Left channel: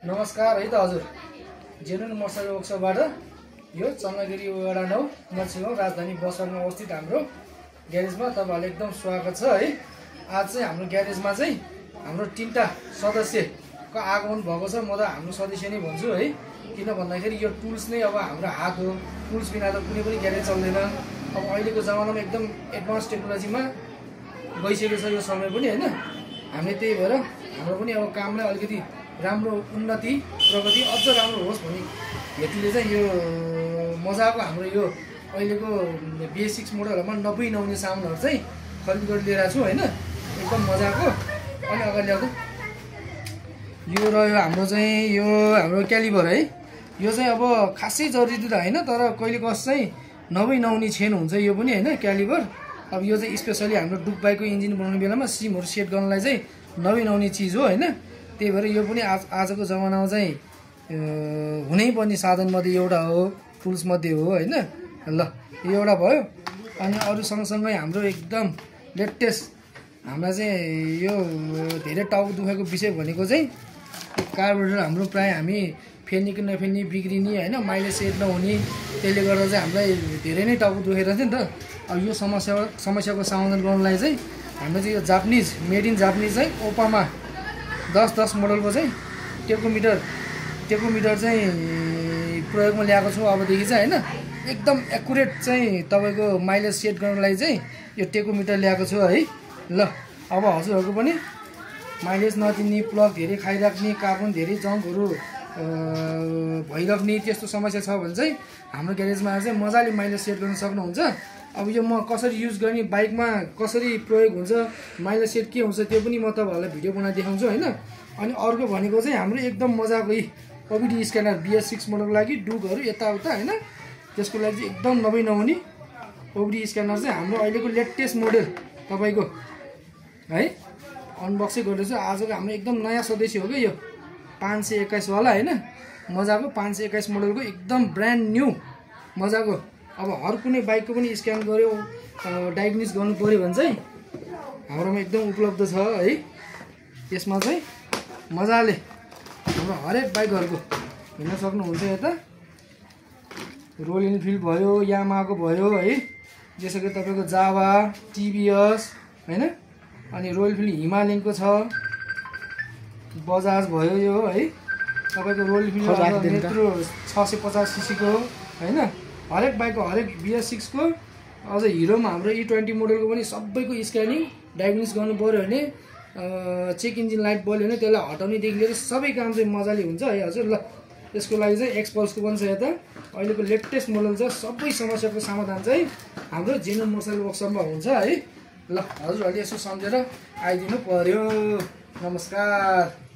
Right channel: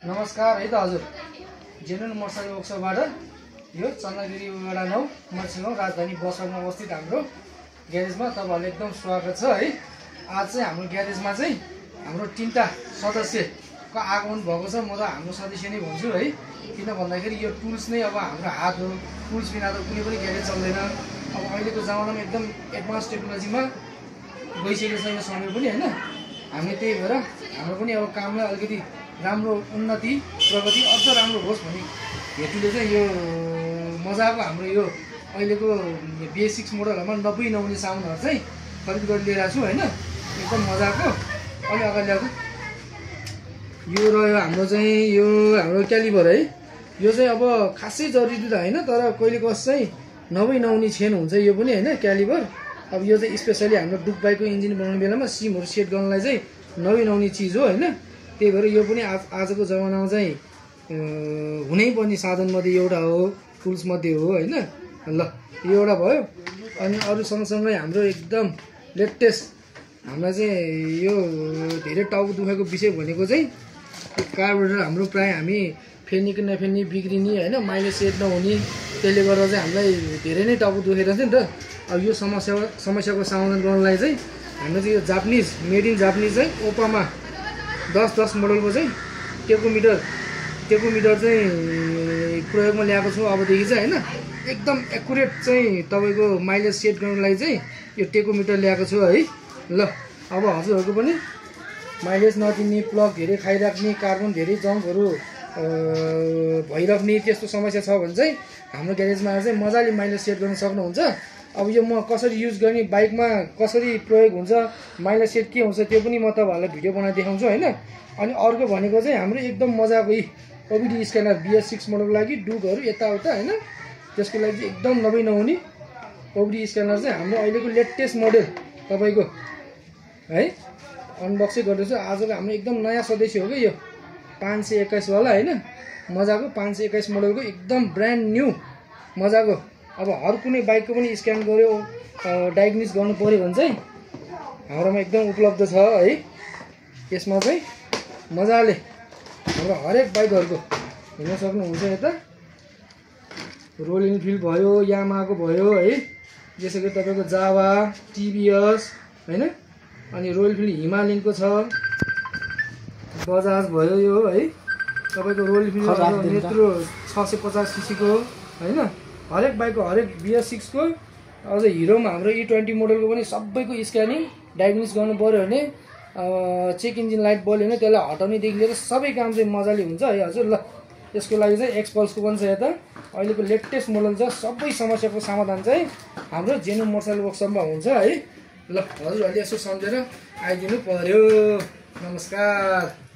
नमस्कार है त हजुर। जेनुन मोटरसाइकल वर्कसपबाट यो चन्द्रगिरी वडा 9 मर्सिगाउँ राजधानी बसमा अवस्थित हाम्रो ग्यारेजमा तपाईहरुलाई एकदम स्वागत छ है। आज चाहिँ हाम्रो ग्यारेजमा चाहिँ हाम्रो 3टा सदस्यको आगमन भएको छ। म त हाम्रो सदस्य नै भन्छु है, किन भन्दाखेरि यो टुल्स नै अब हाम्रो हात हो। टुल्स बिना त कुनै पनि ग्यारेज चल्दैन। अब अहिलेको जमानामा एकदम एडभान्स टेक्नोलोजीमा गइसकेको छ यो समय पनि हैन। हामी त्यही भएर हाम्रो पनि अब कामलाई अलिकति राम्रो उन्नति प्रगति अझ राम्रो होस् भन्ने हेतुले चाहिँ यो मजाको हाम्रो यो अहिलेको बेसिक्स मोडलहरुमा नपुई नहुने सामानहरु चाहिँ खरिद गरि लिएर छु हैन। एकदम मजाको। अनि अगाडि ल्याएको यो र यो हाम्रो चाहिँ यो हाम्रो क्यालिबर है। यो चाहिँ अब खासै जरुरी त हैन, तर कहिले कस चाहिँ नपुई नहुने छेन हुन्छ यो पनि हैन क्यालिबर। अब यो चाहिँ स्पेशली हाम्रो डुक बाइकको इन्जिन बनाउने बेलामा सिमहरु सेट गर्नलाई चाहिँ नपुई नहुने चीज हो हैन। त्यही भएर यो पनि आजको जमानामा चाहिँ हुनै पर्ने साधन मध्ये एउटा हो, टुल्स मध्ये हो हैन। ल यो एउटा भयो। अनि अरु सँगसँगै हाम्रो एकदम लेटेस्ट हामीलाई चाहिँ यो धेरै टाउको दुखेको विषय भनेको चाहिँ कार्बोरेटर हाम्रो प्राय हामी फेर्ने कि नफेर्ने बिग्रिने हैन, माइलेज सेट नहुने, त्यसले गर्दा चाहिँ हामीलाई धेरै नै टाउको दुखेको थियो नि त। अब यो समस्याको समाधान गर्नलाई चाहिँ हामीले चाहिँ यो जापानिज मेड इन जापानिज चाहिँ ओपामा 10 मोडलको चाहिँ टेकोमिटर चाहिँ प्रयोगमा ल्याएको छु अबदेखि चाहिँ हैन। एकदम एक्युरेट चाहिँ तपाईको माइलेज सेट गर्नलाई चाहिँ यो टेकोमिटर ल्याएको छु है। ल अब हजुरहरुको पनि माइलेज नदिने, प्लग धेरै खाइराख्ने, कार्बन धेरै जम्पहरु भइराख्ने त्यस्तो समस्या छ भने चाहिँ हाम्रो ग्यारेजमा चाहिँ मजाले माइलेज सेट गर्न सक्नुहुन्छ। अब यो म कसरी युज गर्ने, बाइकमा कसरी प्रयोग हुन्छ, माइलेज सेट के हुन्छ त्यो पनि म तपाईहरुलाई भिडियो बनाएर देखाउँछु हैन। अनि अर्को भनेको चाहिँ हाम्रो एकदम मजाको ओबिडी स्क्यानर BS6 मोडलको लागि डुकहरु यताउता हैन, त्यसको लागि एकदम नभई नहुने ओबिडी स्क्यानर चाहिँ हाम्रो अहिलेको लेटेस्ट मोडल तपाईको है अनबक्सिङ गर्दैछु। आजको हाम्रो एकदम नयाँ सदस्य हो के यो 521 वाला हैन। मजाको 521 मोडलको एकदम ब्रान्ड न्यू मजाको। अब हर कुनै बाइकको पनि स्क्यान गर्यो डायग्नोसिस गर्नु पर्यो भने चाहिँ हाम्रोमा एकदम उपलब्ध छ है। यसमा चाहिँ मजाले हाम्रो हरेक बाइकहरुको हेर्न सक्नुहुन्छ। यता रोयल इनफिल्ड भयो, यामाहाको भयो है, जसै कि तपाईको जावा, TVS हैन। अनि रोयल इनफिल्ड हिमालयनको छ, बजाज भयो यो है। तपाईको रोयल इनफिल्ड मेट्रो 650 सीसी को हैन। हरेक बाइकको हरेक BS6 को अझ हिरोमा हाम्रो E20 मोडलको पनि सबैको स्क्यानिङ डायग्नोसिस गर्नु पर्यो भने चेक इन्जिन लाइट बल्यो भने त्यसलाई हटाउनेदेखि लिएर सबै काम चाहिँ मजाले हुन्छ है हजुर। ल त्यसको लागि चाहिँ एक्सपल्सको पनि छ यता अहिलेको लेटेस्ट मोडल छ। सबै समस्याको समाधान चाहिँ हाम्रो जेनुन मोटरसाइकल वर्कसपमा हुन्छ है। ल हजुरहरूले यसो सम्झेर आइदिनु पर्यो। नमस्कार।